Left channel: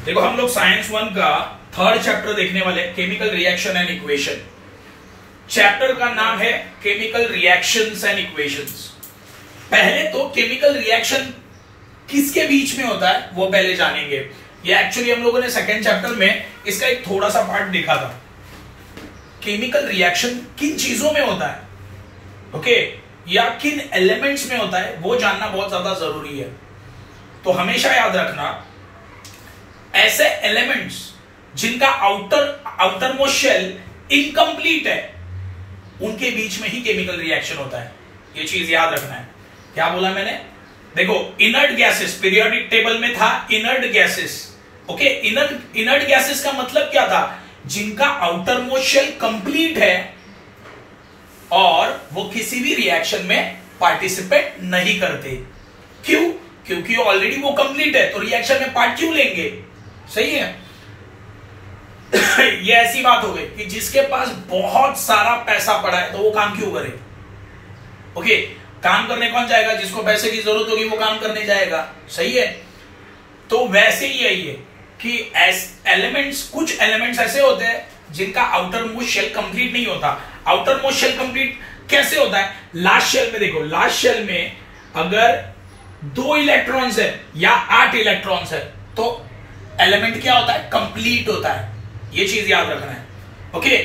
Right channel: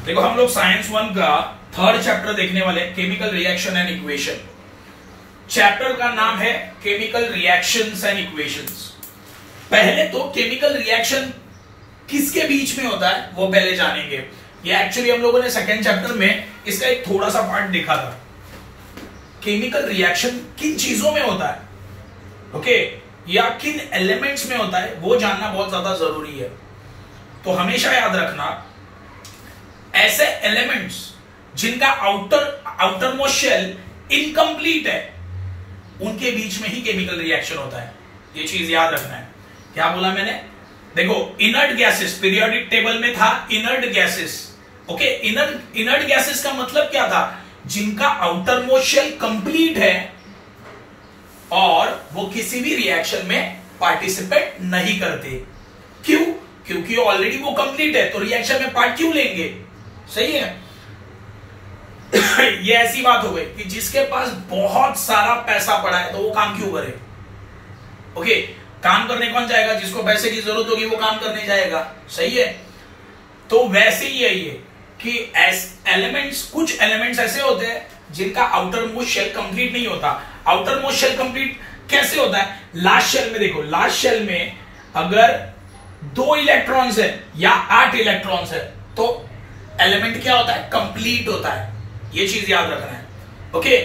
देखो हम लोग साइंस 1 का थर्ड चैप्टर देखने वाले, chemical reaction and equation. Chapter का नाम है केमिकल रिएक्शंस एंड इक्वेशंस। पहले तो केमिकल रिएक्शन किसके बीच में होता है वो पहले जानेंगे। ये एक्चुअली हम लोगों ने सेकेंड चैप्टर में इसका एक थोड़ा सा पार्ट देखा था। केमिकल रिएक्शन किन चीजों में होता है, ओके, या किन एलिमेंट्स में होता है वो जानना बहुत ज्यादा जरूरी है। तो हमेशा याद रखना, ऐसे एलिमेंट्स जिनका आउटर मोस्ट शेल इनकम्प्लीट है, उनके बीच में ही केमिकल रिएक्शन होता है। ये चीज याद रखना है। क्या बोला मैंने? देखो, इनर्ट गैसेस पीरियोडिक टेबल में था, inert gases, okay. Inert gases का मतलब क्या था? जिनका आउटर मोस्ट शेल कंप्लीट है और वो किसी भी रिएक्शन में पार्टिसिपेट नहीं करते। क्यों? क्योंकि ऑलरेडी वो कंप्लीट है, तो रिएक्शन में पार्ट क्यों लेंगे? सही है। ये ऐसी बात हो गई कि जिसके पास बहुत सारा पैसा पड़ा है तो वो काम क्यों करे? ओके, काम करने कौन जाएगा? जिसको पैसे की जरूरत होगी वो काम करने जाएगा। सही है। तो वैसे ही है ये कि एलिमेंट्स, कुछ एलिमेंट्स ऐसे होते हैं जिनका आउटर मोस्ट शेल कंप्लीट नहीं होता। आउटर मोस्ट शेल कंप्लीट कैसे होता है? लास्ट शेल में देखो, लास्ट शेल में अगर 2 इलेक्ट्रॉन्स है या 8 इलेक्ट्रॉन्स है तो एलिमेंट क्या होता है? कंप्लीट होता है। ये चीज याद रखना है। ओके,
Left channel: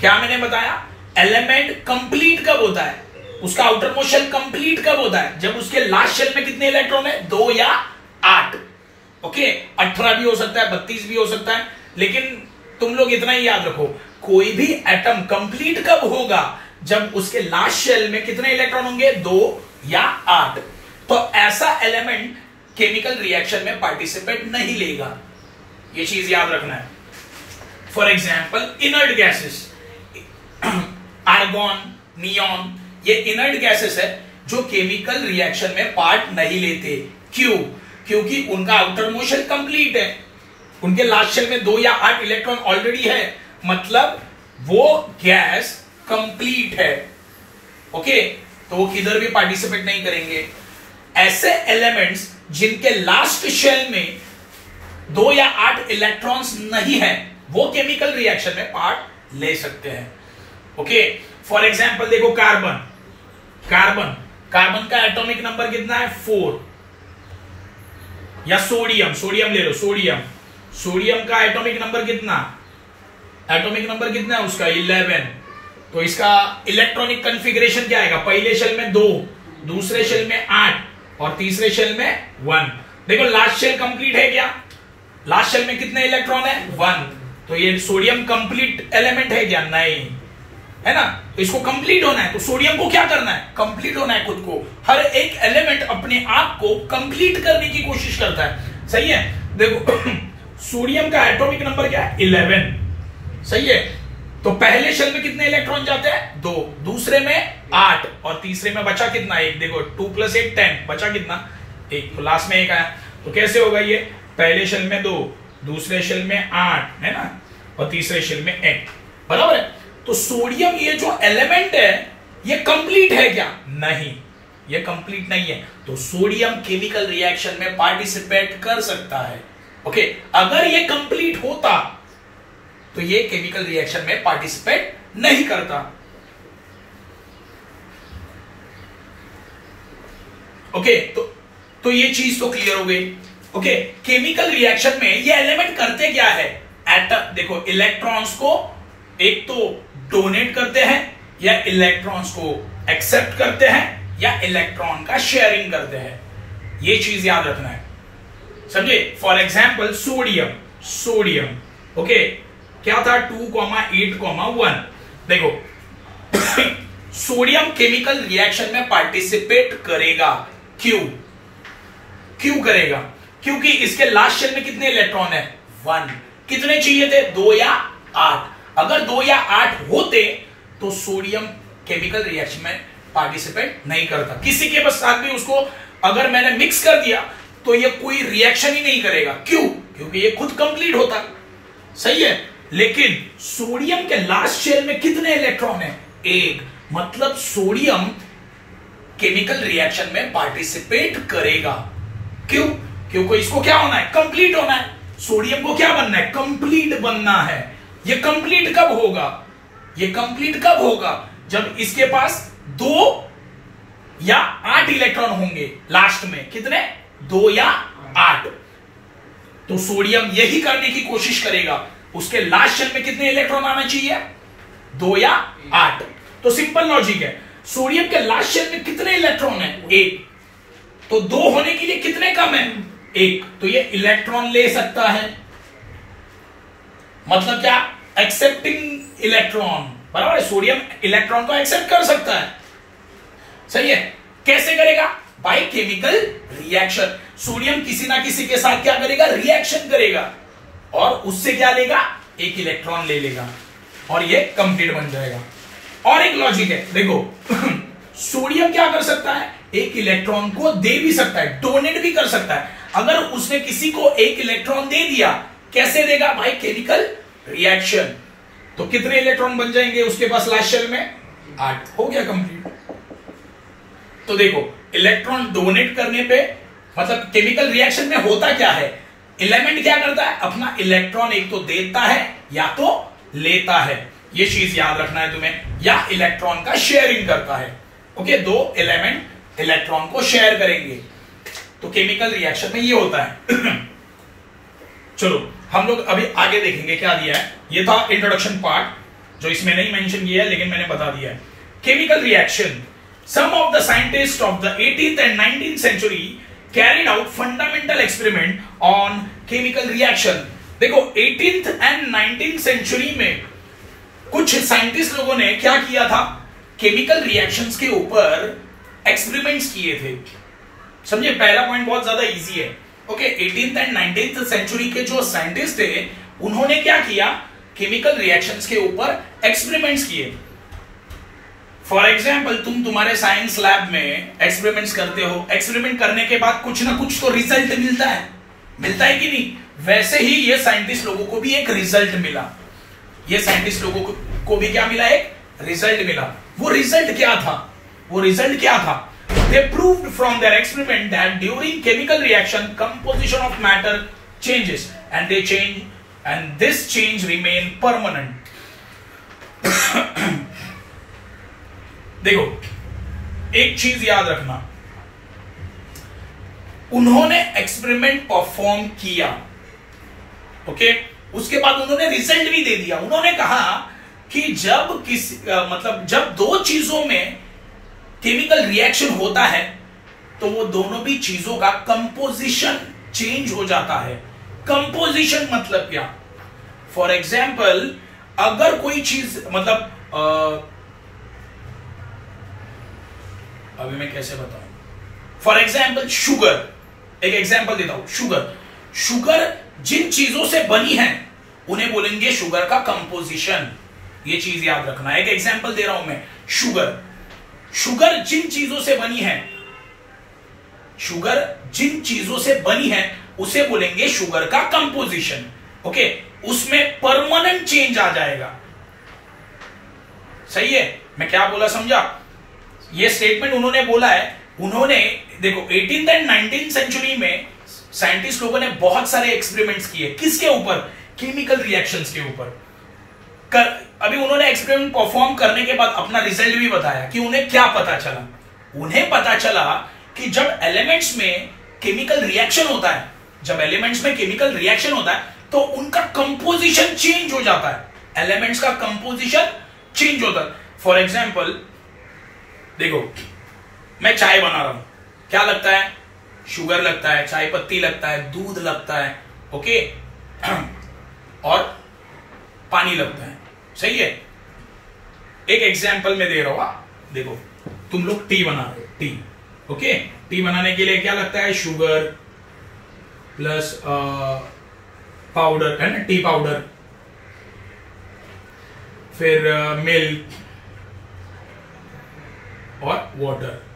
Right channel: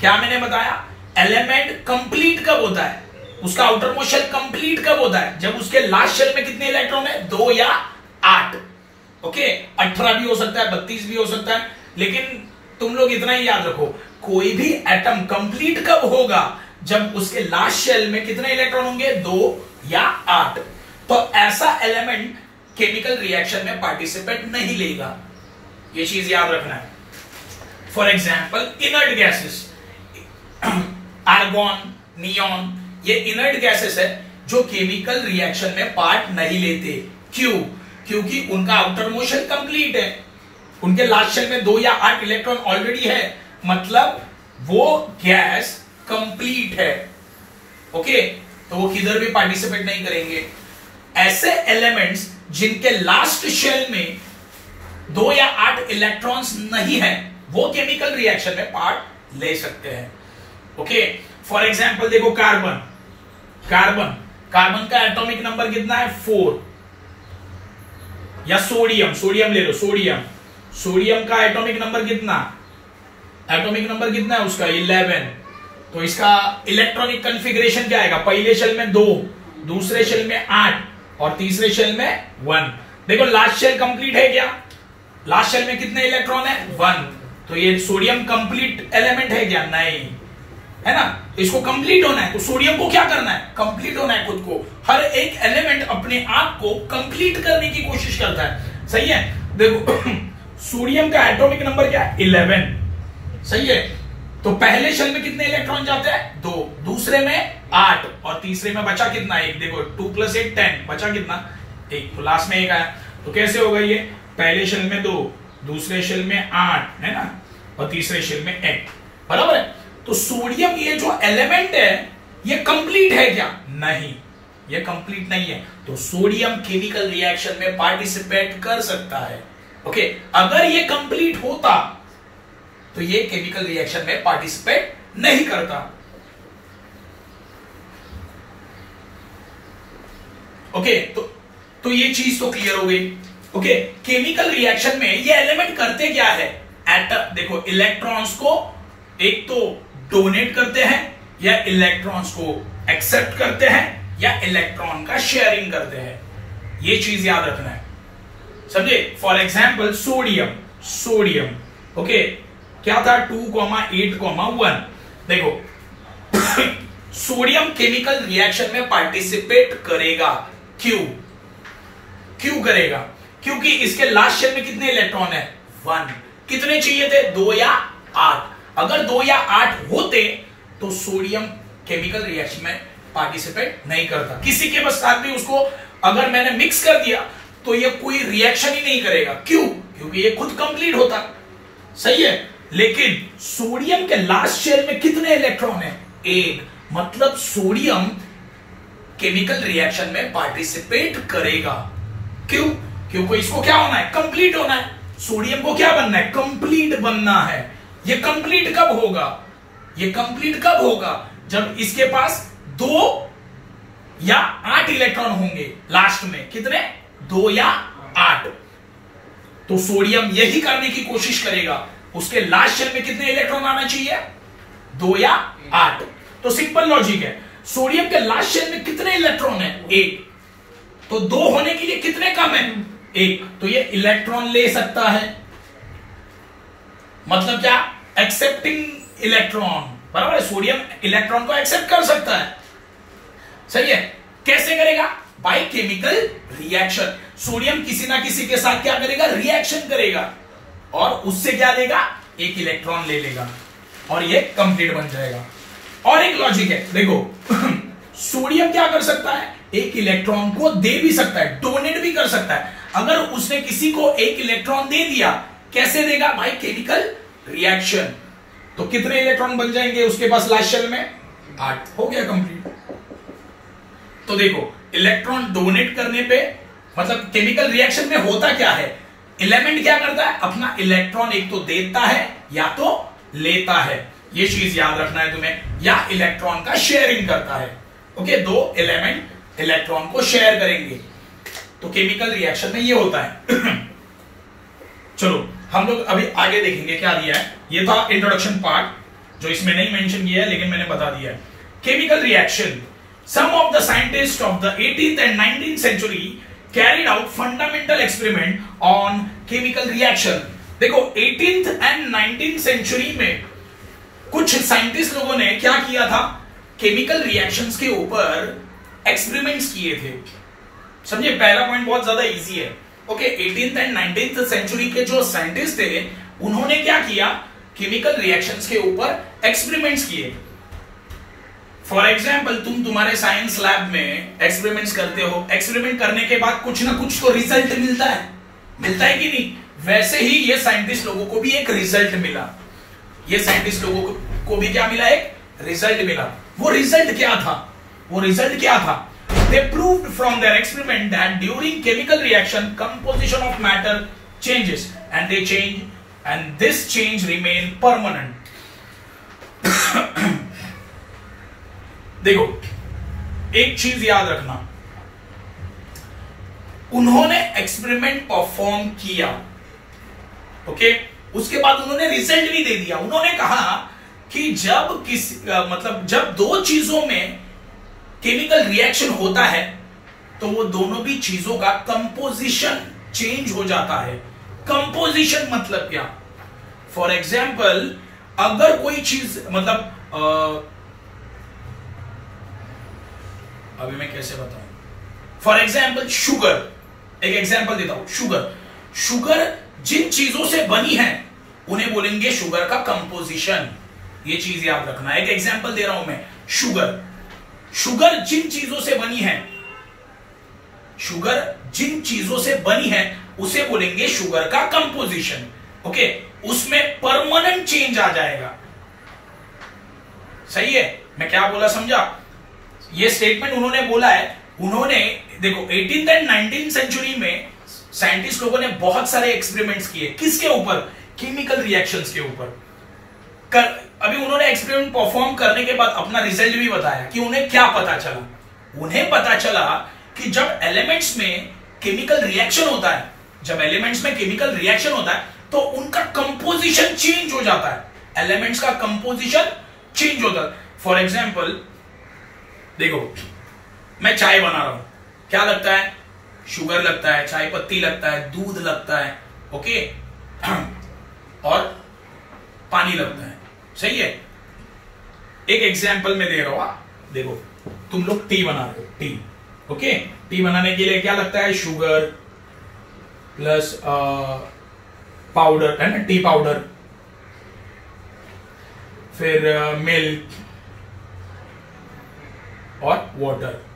क्या मैंने बताया? एलिमेंट कंप्लीट कब होता है? उसका आउटर मोस्ट शेल कंप्लीट कब होता है? जब उसके लास्ट शेल में कितने इलेक्ट्रॉन है? 2 या 8। ओके, 18 भी हो सकता है, 32 भी हो सकता है, लेकिन तुम लोग इतना ही याद रखो, कोई भी एटम कंप्लीट कब होगा? जब उसके लास्ट शेल में कितने इलेक्ट्रॉन होंगे? 2 या 8। तो ऐसा एलिमेंट केमिकल रिएक्शन में पार्टिसिपेट नहीं लेगा। ये चीज याद रखना है। For example, inert gases, argon, neon, ये इनर्ट गैसेस है जो केमिकल रिएक्शन में पार्ट नहीं लेते। क्यों? क्योंकि उनका आउटर मोस्ट शेल कंप्लीट है, उनके लास्ट शेल में 2 या 8 इलेक्ट्रॉन ऑलरेडी है, मतलब वो गैस कंप्लीट है। ओके, तो वो किधर भी पार्टिसिपेट नहीं करेंगे। ऐसे एलिमेंट्स जिनके लास्ट शेल में 2 या 8 इलेक्ट्रॉन्स नहीं है वो केमिकल रिएक्शन में पार्ट ले सकते हैं। ओके, फॉर एग्जाम्पल देखो, कार्बन का एटॉमिक नंबर कितना है? 4। या सोडियम ले लो, सोडियम का एटॉमिक नंबर कितना है उसका? 11। तो इसका इलेक्ट्रॉनिक कॉन्फ़िगरेशन क्या आएगा? पहले शेल में 2, दूसरे शेल में 8 और तीसरे शेल में 1। देखो, लास्ट शेल कंप्लीट है क्या? लास्ट शेल में कितने इलेक्ट्रॉन है? 1। तो ये सोडियम कंप्लीट एलिमेंट है क्या? नहीं है ना। इसको कंप्लीट होना है तो सोडियम को क्या करना है? कंप्लीट होना है खुद को। हर एक एलिमेंट अपने आप को कंप्लीट करने की कोशिश करता है। सही है। देखो, सोडियम का एटॉमिक नंबर क्या है? 11। सही है। तो पहले शेल में कितने इलेक्ट्रॉन जाते हैं? 2, दूसरे में 8 और तीसरे में बचा कितना? 1। देखो, 2 + 8 10, बचा कितना? 1। लास्ट में 1 आया। तो कैसे होगा ये? पहले शेल में 2, दूसरे शेल में 8, है ना, और तीसरे शेल में 1। बराबर है। तो सोडियम, ये जो एलिमेंट है, ये कंप्लीट है क्या? नहीं, ये कंप्लीट नहीं है। तो सोडियम केमिकल रिएक्शन में पार्टिसिपेट कर सकता है। ओके, अगर ये कंप्लीट होता तो ये केमिकल रिएक्शन में पार्टिसिपेट नहीं करता। ओके, तो ये चीज तो क्लियर हो गई। ओके, केमिकल रिएक्शन में ये एलिमेंट करते क्या है? एटम, देखो, इलेक्ट्रॉन्स को एक तो डोनेट करते हैं, या इलेक्ट्रॉन्स को एक्सेप्ट करते हैं, या इलेक्ट्रॉन का शेयरिंग करते हैं। ये चीज याद रखना है, समझे। फॉर एग्जाम्पल, सोडियम, ओके, क्या था? 2,8,1। देखो, सोडियम केमिकल रिएक्शन में पार्टिसिपेट करेगा। क्यों करेगा? क्योंकि इसके लास्ट शेल में कितने इलेक्ट्रॉन है? 1। कितने चाहिए थे? 2 या 8। अगर 2 या 8 होते तो सोडियम केमिकल रिएक्शन में पार्टिसिपेट नहीं करता। किसी के साथ भी उसको अगर मैंने मिक्स कर दिया तो ये कोई रिएक्शन ही नहीं करेगा। क्यों? क्योंकि ये खुद कंप्लीट होता। सही है। लेकिन सोडियम के लास्ट शेल में कितने इलेक्ट्रॉन है? 1। मतलब सोडियम केमिकल रिएक्शन में पार्टिसिपेट करेगा। क्यों? क्योंकि इसको क्या होना है? कंप्लीट होना है। सोडियम को क्या बनना है, कंप्लीट बनना है। ये कंप्लीट कब होगा, ये कंप्लीट कब होगा, जब इसके पास 2 या 8 इलेक्ट्रॉन होंगे लास्ट में। कितने, 2 या 8। तो सोडियम यही करने की कोशिश करेगा, उसके लास्ट शेल में कितने इलेक्ट्रॉन आना चाहिए, 2 या 8। तो सिंपल लॉजिक है, सोडियम के लास्ट शेल में कितने इलेक्ट्रॉन है, 1। तो 2 होने के लिए कितने कम है, 1। तो ये इलेक्ट्रॉन ले सकता है, मतलब क्या, एक्सेप्टिंग इलेक्ट्रॉन, बराबर है। सोडियम इलेक्ट्रॉन को एक्सेप्ट कर सकता है, सही है। कैसे करेगा, बाय केमिकल रिएक्शन। सोडियम किसी ना किसी के साथ क्या करेगा, रिएक्शन करेगा, और उससे क्या लेगा, 1 इलेक्ट्रॉन ले लेगा, और ये कंप्लीट बन जाएगा। और एक लॉजिक है, देखो सोडियम क्या कर सकता है, 1 इलेक्ट्रॉन को दे भी सकता है, डोनेट भी कर सकता है। अगर उसने किसी को 1 इलेक्ट्रॉन दे दिया, कैसे देगा, बाय केमिकल रिएक्शन। तो कितने इलेक्ट्रॉन बन जाएंगे उसके पास लास्ट शेल में, 8। हो गया कंप्लीट। तो देखो इलेक्ट्रॉन डोनेट करने पे, मतलब केमिकल रिएक्शन में होता क्या है, एलिमेंट क्या करता है, अपना इलेक्ट्रॉन एक तो देता है या तो लेता है। ये चीज याद रखना है तुम्हें, या इलेक्ट्रॉन का शेयरिंग करता है। ओके, 2 एलिमेंट इलेक्ट्रॉन को शेयर करेंगे। तो केमिकल रिएक्शन में ये होता है। चलो हम लोग अभी आगे देखेंगे क्या दिया है। ये था इंट्रोडक्शन पार्ट, जो इसमें नहीं मेंशन किया है लेकिन मैंने बता दिया है। Chemical reaction, some of the scientists of the 18th and 19th century carried out fundamental experiment on chemical reaction। देखो 18th and 19th century में कुछ साइंटिस्ट लोगों ने क्या किया था, केमिकल रिएक्शंस के ऊपर एक्सपेरिमेंट्स किए थे। समझे, पहला पॉइंट बहुत ज्यादा इजी है। Okay, 18th and 19th century के जो साइंटिस्ट थे, उन्होंने क्या किया, केमिकल रिएक्शंस के ऊपर एक्सपेरिमेंट्स किए। फॉर एग्जाम्पल, तुम्हारे साइंस लैब में एक्सपेरिमेंट्स करते हो, एक्सपेरिमेंट करने के बाद कुछ ना कुछ तो रिजल्ट मिलता है कि नहीं। वैसे ही ये साइंटिस्ट लोगों को भी एक रिजल्ट मिला, ये साइंटिस्ट लोगों को भी क्या मिला, एक रिजल्ट मिला। वो रिजल्ट क्या था, they proved from their experiment that during chemical reaction composition of matter changes and this change remain permanent। देखो एक चीज याद रखना, उन्होंने एक्सपेरिमेंट परफॉर्म किया, ओके, उसके बाद उन्होंने रिजल्ट भी दे दिया। उन्होंने कहा कि जब 2 चीजों में केमिकल रिएक्शन होता है तो वो दोनों भी चीजों का कंपोजिशन चेंज हो जाता है। कंपोजिशन मतलब क्या, फॉर एग्जाम्पल अगर कोई चीज, मतलब अभी मैं कैसे बताऊं, फॉर एग्जाम्पल शुगर, एक एग्जाम्पल देता हूं। शुगर जिन चीजों से बनी है उन्हें बोलेंगे शुगर का कंपोजिशन। ये चीज याद रखना है। एक एग्जाम्पल दे रहा हूं मैं, शुगर जिन चीजों से बनी है उसे बोलेंगे शुगर का कंपोजिशन। ओके, उसमें परमानेंट चेंज आ जाएगा। सही है, मैं क्या बोला समझा। ये स्टेटमेंट उन्होंने बोला है। उन्होंने देखो 18th एंड 19th सेंचुरी में साइंटिस्ट लोगों ने बहुत सारे एक्सपेरिमेंट्स किए, किसके ऊपर, केमिकल रिएक्शंस के ऊपर। अभी उन्होंने एक्सपेरिमेंट परफॉर्म करने के बाद अपना रिजल्ट भी बताया कि उन्हें क्या पता चला। उन्हें पता चला कि जब एलिमेंट्स में केमिकल रिएक्शन होता है, तो उनका कंपोजिशन चेंज हो जाता है। एलिमेंट्स का कंपोजिशन चेंज होता है। फॉर एग्जाम्पल देखो, मैं चाय बना रहा हूं, क्या लगता है, शुगर लगता है, चाय पत्ती लगता है, दूध लगता है, ओके, और पानी लगता है। सही है। एक एग्जाम्पल में दे रहा हूं, देखो तुम लोग टी बना रहे हो, टी, ओके, टी बनाने के लिए क्या लगता है, शुगर प्लस पाउडर है ना, टी पाउडर, फिर मिल्क और वाटर।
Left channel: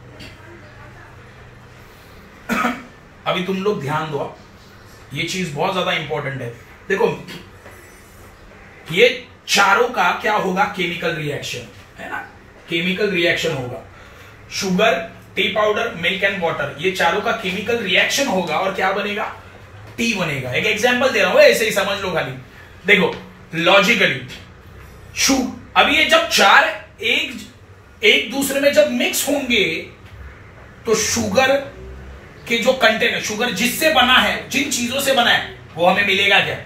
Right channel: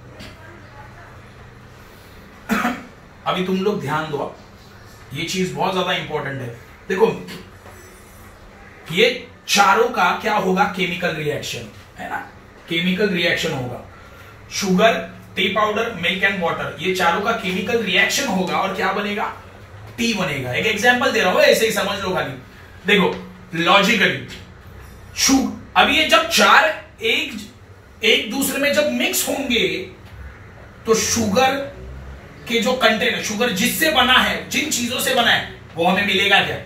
अभी तुम लोग ध्यान दो, ये चीज बहुत ज्यादा इंपॉर्टेंट है। देखो ये चारों का क्या होगा, केमिकल रिएक्शन है ना, केमिकल रिएक्शन होगा। Sugar, T powder, milk and water, ये चारों का केमिकल रिएक्शन होगा और क्या बनेगा, टी बनेगा। एक एग्जांपल दे रहा हूं, ऐसे ही समझ लो खाली। देखो लॉजिकली अब ये जब चार एक दूसरे में जब मिक्स होंगे तो शुगर के जो कंटेंट है, शुगर जिससे बना है, जिन चीजों से बना है, वो हमें मिलेगा क्या?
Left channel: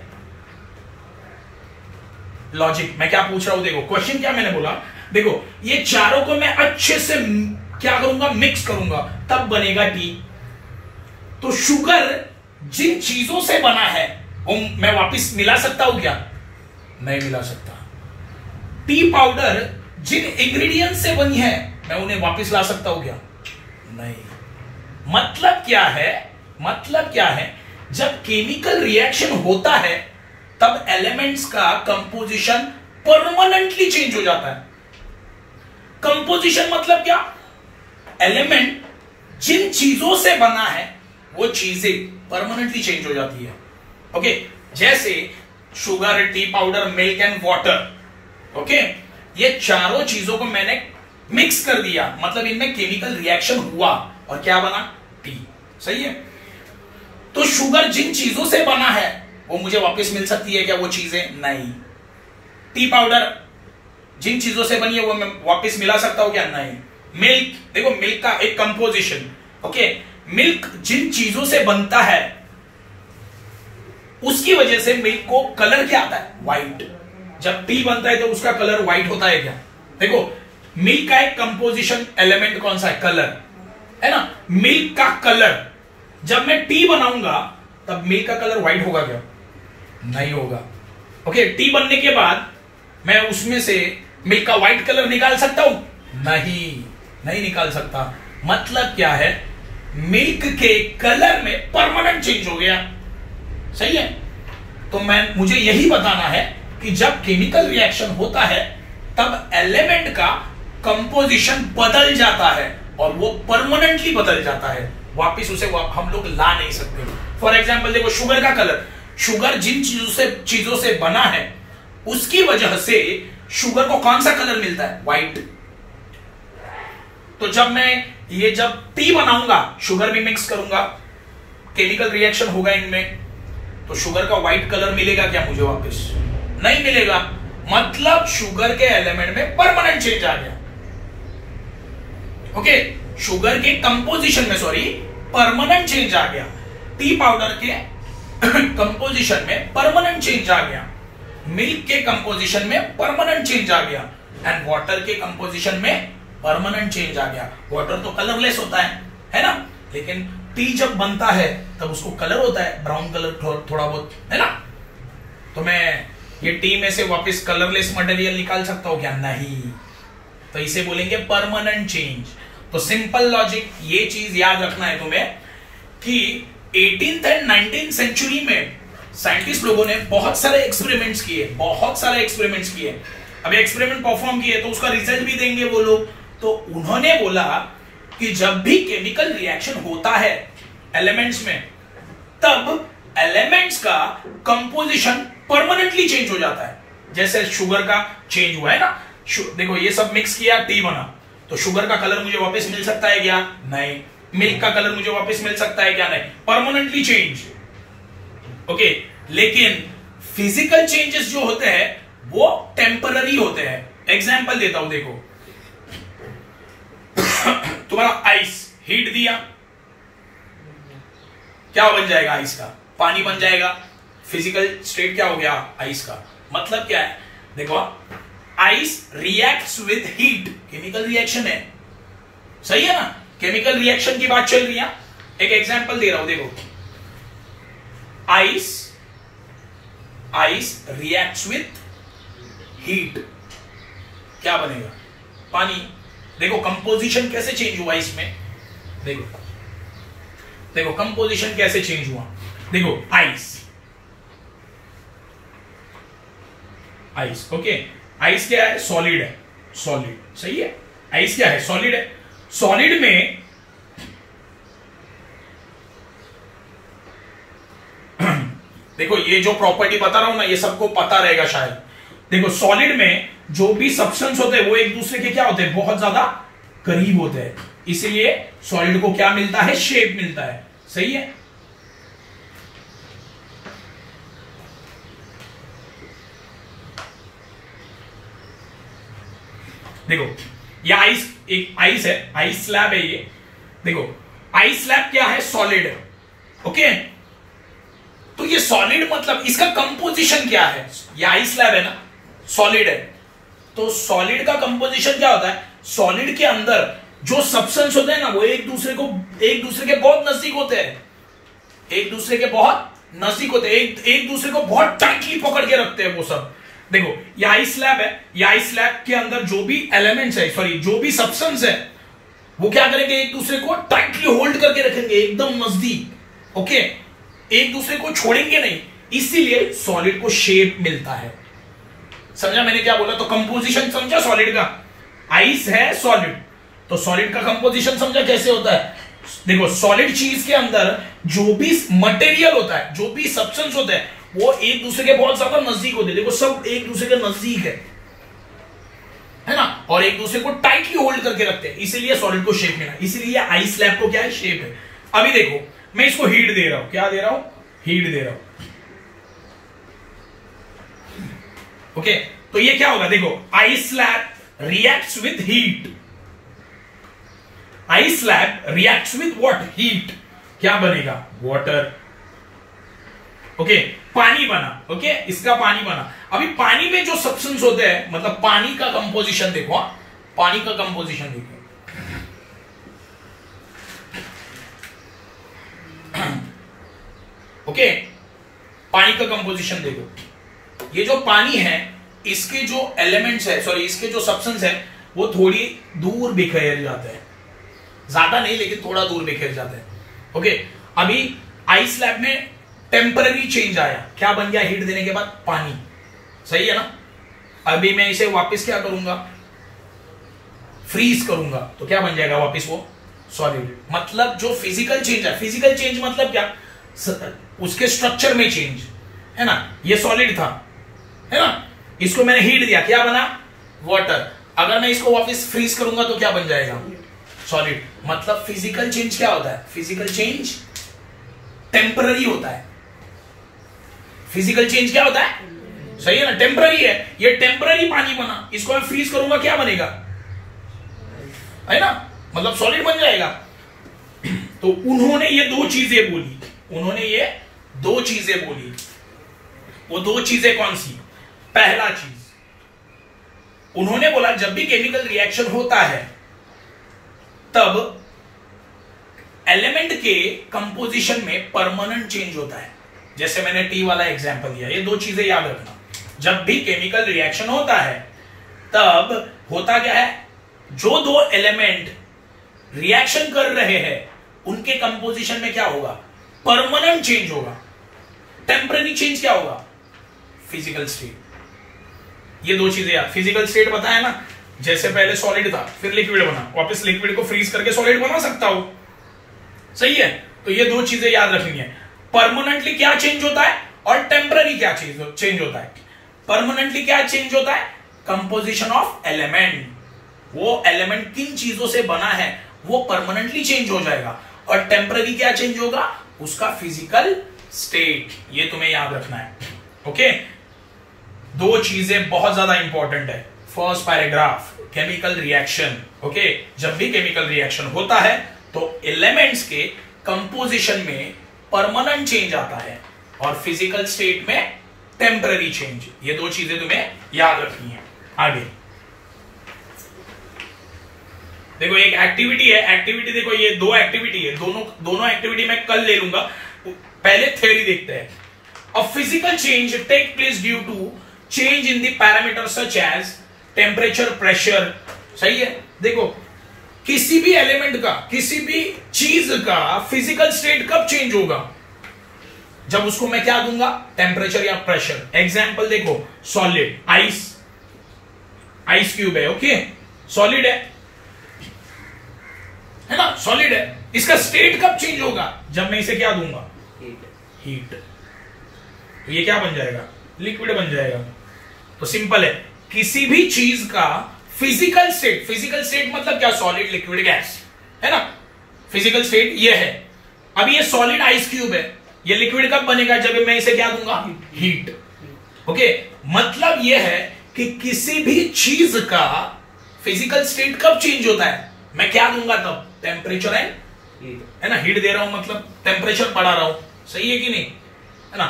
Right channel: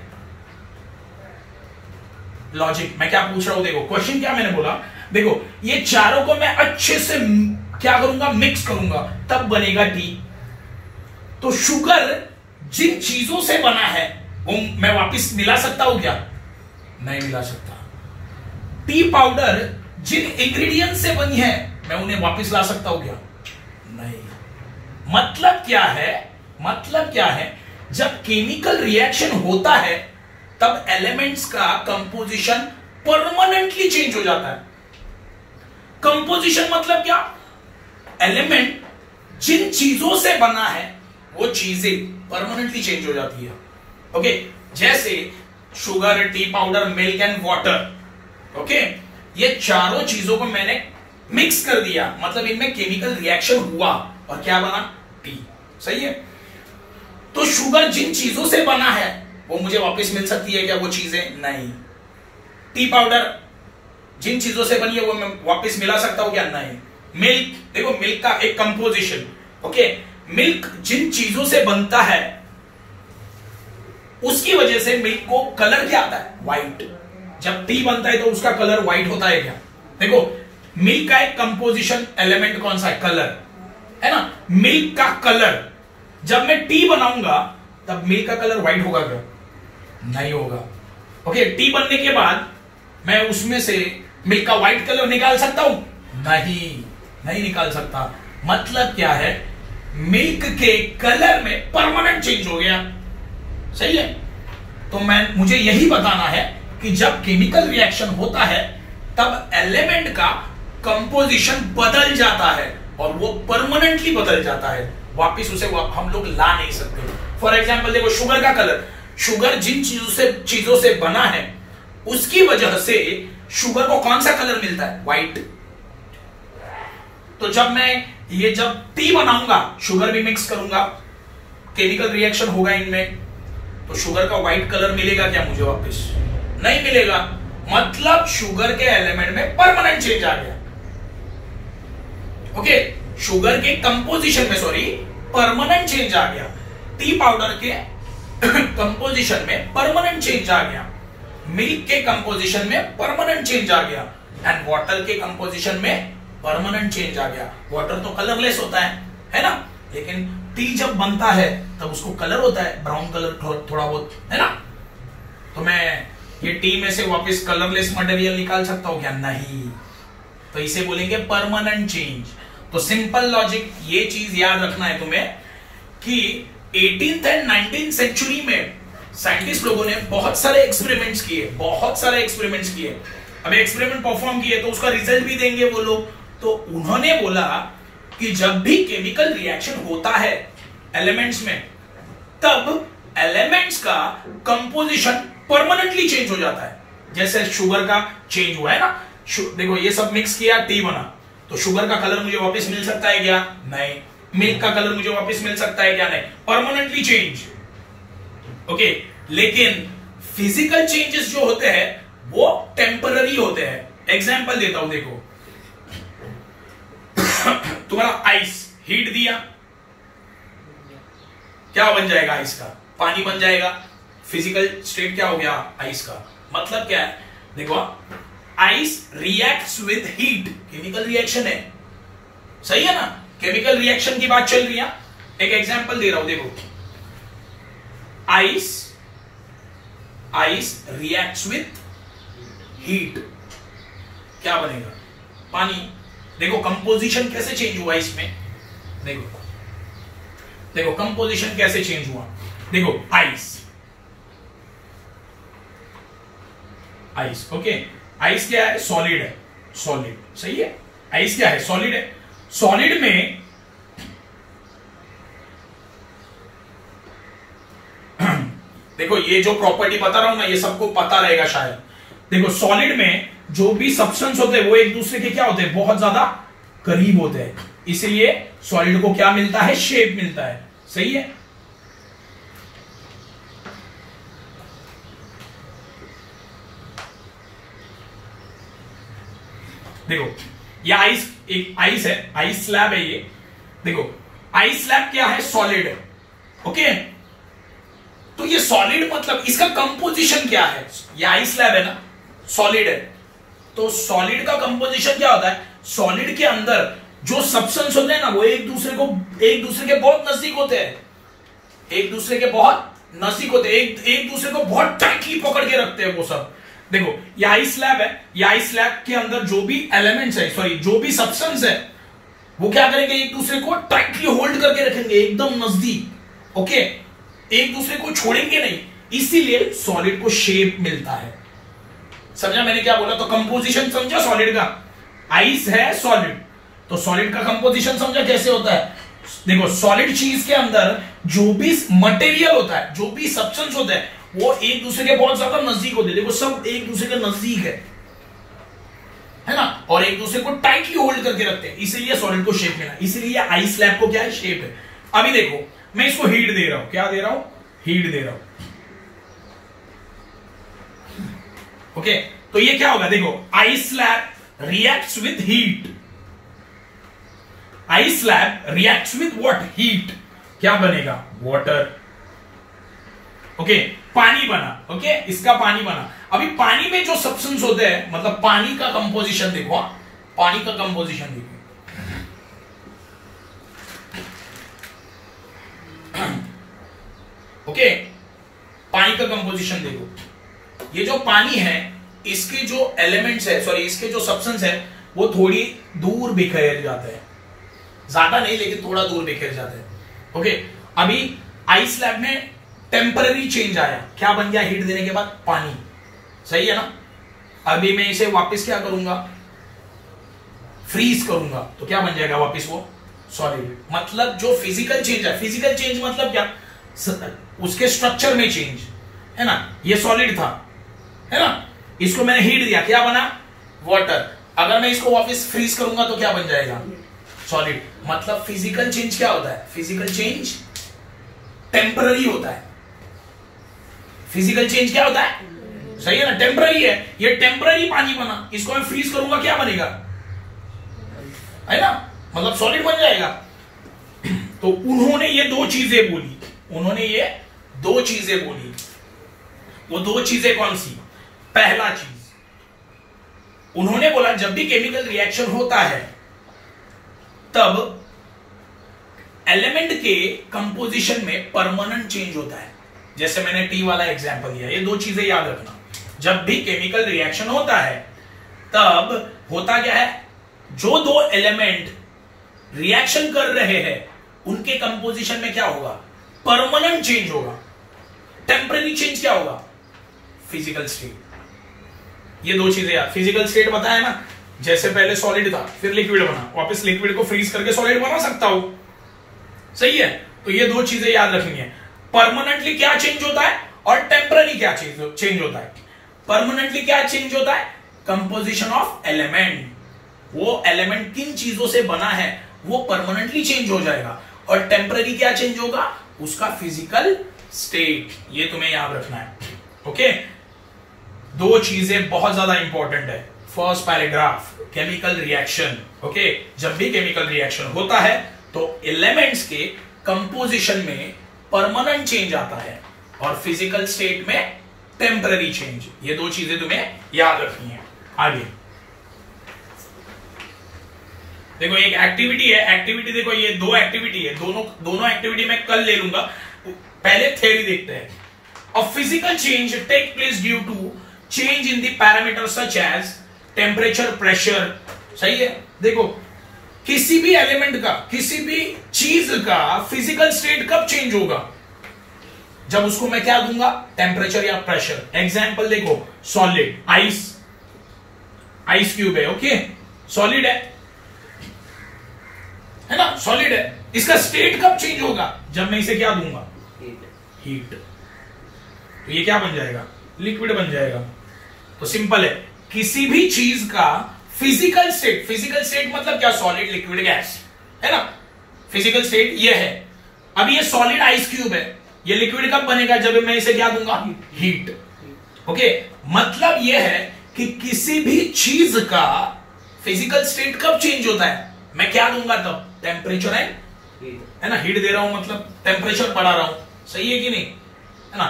लॉजिक मैं क्या पूछ रहा हूं, देखो क्वेश्चन क्या मैंने बोला, देखो ये चारों को मैं अच्छे से क्या करूंगा, मिक्स करूंगा, तब बनेगा टी। तो शुगर जिन चीजों से बना है वो मैं वापस मिला सकता हूं क्या? नहीं मिला सकता। टी पाउडर जिन इंग्रेडिएंट से बनी है मैं उन्हें वापस ला सकता हूं क्या? नहीं। मतलब क्या है, जब केमिकल रिएक्शन होता है तब एलिमेंट्स का कंपोजिशन परमानेंटली चेंज हो जाता है। कंपोजिशन मतलब क्या? एलिमेंट जिन चीजों से बना है वो चीजें परमानेंटली चेंज हो जाती है। ओके, जैसे sugar, T powder, milk and water. Okay, ये चारों चीजों को मैंने मिक्स कर दिया, मतलब इनमें केमिकल रिएक्शन हुआ और क्या बना? टी। सही है। तो शुगर जिन चीजों से बना है वो मुझे वापस मिल सकती है क्या वो चीजें? नहीं। टी पाउडर जिन चीजों से बनी है वो मैं वापस मिला सकता हूं क्या? नहीं। मिल्क, देखो मिल्क का एक कंपोजिशन। ओके, मिल्क जिन चीजों से बनता है उसकी वजह से मिल्क को कलर क्या आता है? व्हाइट। जब टी बनता है तो उसका कलर व्हाइट होता है क्या? देखो मिल्क का एक कंपोजिशन एलिमेंट कौन सा है? कलर, है ना। मिल्क का कलर, जब मैं टी बनाऊंगा तब मिल्क का कलर व्हाइट होगा क्या? नहीं होगा। ओके, टी बनने के बाद मैं उसमें से मिल्क का व्हाइट कलर निकाल सकता हूं? नहीं निकाल सकता। मतलब क्या है, मिल्क के कलर में परमानेंट चेंज हो गया। सही है। तो मुझे यही बताना है कि जब केमिकल रिएक्शन होता है तब एलिमेंट का कंपोजिशन बदल जाता है और वो परमानेंटली बदल जाता है, वापिस उसे हम लोग ला नहीं सकते। फॉर एग्जाम्पल देखो शुगर का कलर, शुगर जिन चीजों से बना है उसकी वजह से शुगर को कौन सा कलर मिलता है? व्हाइट। तो जब टी बनाऊंगा, शुगर भी मिक्स करूंगा, केमिकल रिएक्शन होगा इनमें, तो शुगर का व्हाइट कलर मिलेगा क्या मुझे वापस? नहीं मिलेगा। मतलब शुगर के एलिमेंट में परमानेंट चेंज आ गया। ओके, शुगर के कंपोजिशन में परमानेंट चेंज आ गया। टी पाउडर के कंपोजिशन में परमानेंट चेंज आ गया। मिल्क के कंपोजिशन में परमानेंट चेंज आ गया एंड वाटर के कंपोजिशन में परमानेंट चेंज आ गया। वाटर तो कलरलेस होता है ना, लेकिन टी जब बनता है तब उसको कलर होता है, ब्राउन कलर थोड़ा बहुत, है ना। तो मैं ये टी में से वापस कलरलेस मटेरियल निकाल सकता हूं क्या? नहीं। तो इसे बोलेंगे परमानेंट चेंज। तो सिंपल लॉजिक, ये चीज याद रखना है तुम्हें कि 18th एंड 19th सेंचुरी में साइंटिस्ट लोगों ने बहुत सारे एक्सपेरिमेंट्स किए। अब एक्सपेरिमेंट परफॉर्म किए तो उसका रिजल्ट भी देंगे वो लोग। तो उन्होंने बोला कि जब भी केमिकल रिएक्शन होता है एलिमेंट्स में, तब एलिमेंट्स का कंपोजिशन परमानेंटली चेंज हो जाता है। जैसे शुगर का चेंज हुआ है ना, देखो ये सब मिक्स किया, टी बना, तो शुगर का कलर मुझे वापस मिल सकता है क्या? नहीं। मिल्क का कलर मुझे वापस मिल सकता है क्या? नहीं। Permanently change. ओके, लेकिन फिजिकल चेंजेस जो होते हैं वो टेम्पररी होते हैं। एग्जाम्पल देता हूं, देखो तुम्हारा आइस हीट दिया, क्या बन जाएगा? आइस का पानी बन जाएगा। फिजिकल स्टेट क्या हो गया? आइस का। मतलब क्या है, देखो ice reacts with heat, chemical reaction है। सही है ना, केमिकल रिएक्शन की बात चल रही है। एक एग्जांपल दे रहा हूं, देखो आइस रिएक्ट्स विद हीट, क्या बनेगा? पानी। देखो कंपोजिशन कैसे चेंज हुआ इसमें, देखो कंपोजिशन कैसे चेंज हुआ। देखो आइस, ओके, आइस क्या है? सॉलिड है, सॉलिड। सही है, आइस क्या है? सॉलिड है। सॉलिड में देखो ये जो प्रॉपर्टी बता रहा हूं ना, ये सबको पता रहेगा शायद। देखो सॉलिड में जो भी सब्सटेंस होते हैं वो एक दूसरे के क्या होते हैं? बहुत ज्यादा करीब होते हैं, इसलिए सॉलिड को क्या मिलता है? शेप मिलता है। सही है। देखो ये आइस, एक आइस है, आइस स्लैब है ये। देखो आइस स्लैब क्या है, सॉलिड है। ओके, तो ये सॉलिड मतलब इसका कंपोजिशन क्या है, ये आइस स्लैब है ना, सॉलिड है। तो सॉलिड का कंपोजिशन क्या होता है, सॉलिड के अंदर जो सब्सटेंस होते हैं ना वो एक दूसरे के बहुत नजदीक होते हैं, एक दूसरे के बहुत नजदीक होते हैं, एक दूसरे को बहुत टाइटली पकड़ के रखते हैं वो सब। देखो ये आइस स्लैब है, ये आइस स्लैब के अंदर जो भी एलिमेंट्स है, सॉरी जो भी सब्सटेंस है, वो क्या करेंगे, एक दूसरे को टाइटली होल्ड करके रखेंगे एकदम नजदीक। ओके, एक दूसरे को छोड़ेंगे नहीं, इसीलिए सॉलिड को शेप मिलता है। समझा मैंने क्या बोला, तो कंपोजिशन समझा सॉलिड का, आइस है सॉलिड, तो सॉलिड का कंपोजिशन समझा कैसे होता है। देखो सॉलिड चीज के अंदर जो भी मटेरियल होता है, जो भी सब्सटेंस होता है, वो एक दूसरे के बहुत ज्यादा नजदीक होते हैं। देखो सब एक दूसरे के नजदीक है ना, और एक दूसरे को टाइटली होल्ड करके रखते हैं, इसीलिए सॉलिड को शेप मिला, इसीलिए आइस स्लैब को क्या है, शेप है। अभी देखो मैं इसको हीट दे रहा हूं, क्या दे रहा हूं, हीट दे रहा हूं। ओके, तो ये क्या होगा, देखो ice slab reacts with heat, ice slab reacts with what, heat. क्या बनेगा, वाटर। ओके, पानी बना। ओके, इसका पानी बना। अभी पानी में जो सब्सटेंस होते हैं, मतलब पानी का कंपोजिशन देखो, पानी का कंपोजिशन देखो। ओके, पानी का कंपोजिशन देखो। ये जो पानी है, इसके जो एलिमेंट्स है, सॉरी इसके जो सब्सटेंस है, वो थोड़ी दूर बिखेर जाते हैं, ज्यादा नहीं लेकिन थोड़ा दूर बिखेर जाते हैं। ओके, अभी आइस स्लैब में टेम्पररी चेंज आया, क्या बन गया, हीट देने के बाद पानी। सही है ना। अभी मैं इसे वापस क्या करूंगा, फ्रीज करूंगा, तो क्या बन जाएगा वापस वो सॉलिड। मतलब जो फिजिकल चेंज है, फिजिकल चेंज मतलब क्या, उसके स्ट्रक्चर में चेंज है ना। ये सॉलिड था, है ना, इसको मैंने हीट दिया, क्या बना, वाटर। अगर मैं इसको वापस फ्रीज करूंगा तो क्या बन जाएगा, सॉलिड। मतलब फिजिकल चेंज क्या होता है, फिजिकल चेंज टेम्पररी होता है। फिजिकल चेंज क्या होता है, सही है ना, टेम्पररी है। ये टेम्पररी पानी बना, इसको मैं फ्रीज करूंगा, क्या बनेगा, है ना, मतलब सॉलिड बन जाएगा। तो उन्होंने ये दो चीजें बोली, उन्होंने ये दो चीजें बोली। वो दो चीजें कौन सी, पहला चीज उन्होंने बोला जब भी केमिकल रिएक्शन होता है तब एलिमेंट के कंपोजिशन में परमानेंट चेंज होता है। जैसे मैंने टी वाला एग्जांपल दिया, ये दो चीजें याद रखना। जब भी केमिकल रिएक्शन होता है तब होता क्या है, जो दो एलिमेंट रिएक्शन कर रहे हैं उनके कंपोजिशन में क्या होगा, परमानेंट चेंज होगा। टेम्पररी चेंज क्या होगा, फिजिकल स्टेट। ये दो चीजें यार, फिजिकल स्टेट बताया ना, जैसे पहले सॉलिड था फिर लिक्विड बना, वापस लिक्विड को फ्रीज करके सॉलिड बना सकता हूं, सही है। तो ये दो चीजें याद रखनी है, परमानेंटली क्या चेंज होता है और टेम्पररी क्या चेंज होता है। परमानेंटली क्या चेंज होता है, कंपोजिशन ऑफ एलिमेंट, वो एलिमेंट किन चीजों से बना है वो परमानेंटली चेंज हो जाएगा। और टेम्पररी क्या चेंज होगा, उसका फिजिकल स्टेट। ये तुम्हें याद रखना है। ओके, दो चीजें बहुत ज्यादा इंपॉर्टेंट है। First paragraph, chemical reaction. Okay, जब भी केमिकल रिएक्शन होता है तो एलिमेंट्स के कंपोजिशन में परमानेंट चेंज आता है और फिजिकल स्टेट में टेम्पररी चेंज। ये दो चीजें तुम्हें याद रखनी है। आगे देखो, एक एक्टिविटी है, एक्टिविटी देखो, ये दो एक्टिविटी है, दोनों एक्टिविटी मैं कल ले लूंगा। पहले थ्योरी देखते हैं। A physical change take place due to change in the parameter such as temperature, pressure. सही है। देखो, किसी भी एलिमेंट का, किसी भी चीज का फिजिकल स्टेट कब चेंज होगा, जब उसको मैं क्या दूंगा, टेम्परेचर या प्रेशर। एग्जाम्पल देखो, सॉलिड, आइस क्यूब है, ओके, सॉलिड है ना, सॉलिड है। इसका स्टेट कब चेंज होगा, जब मैं इसे क्या दूंगा, हीट। तो ये क्या बन जाएगा, लिक्विड बन जाएगा। तो सिंपल है, किसी भी चीज का फिजिकल स्टेट, फिजिकल स्टेट मतलब क्या, सॉलिड, लिक्विड, गैस, है ना। फिजिकल स्टेट ये है। अब ये सॉलिड आइस क्यूब है, ये लिक्विड कब बनेगा, जब मैं इसे क्या दूंगा, हीट। ओके, मतलब ये है कि किसी भी चीज का फिजिकल स्टेट कब चेंज होता है? मैं क्या दूंगा तब? टेम्परेचर एंड, है ना, हीट दे रहा हूं मतलब टेम्परेचर बढ़ा रहा हूं, सही है कि नहीं, है ना।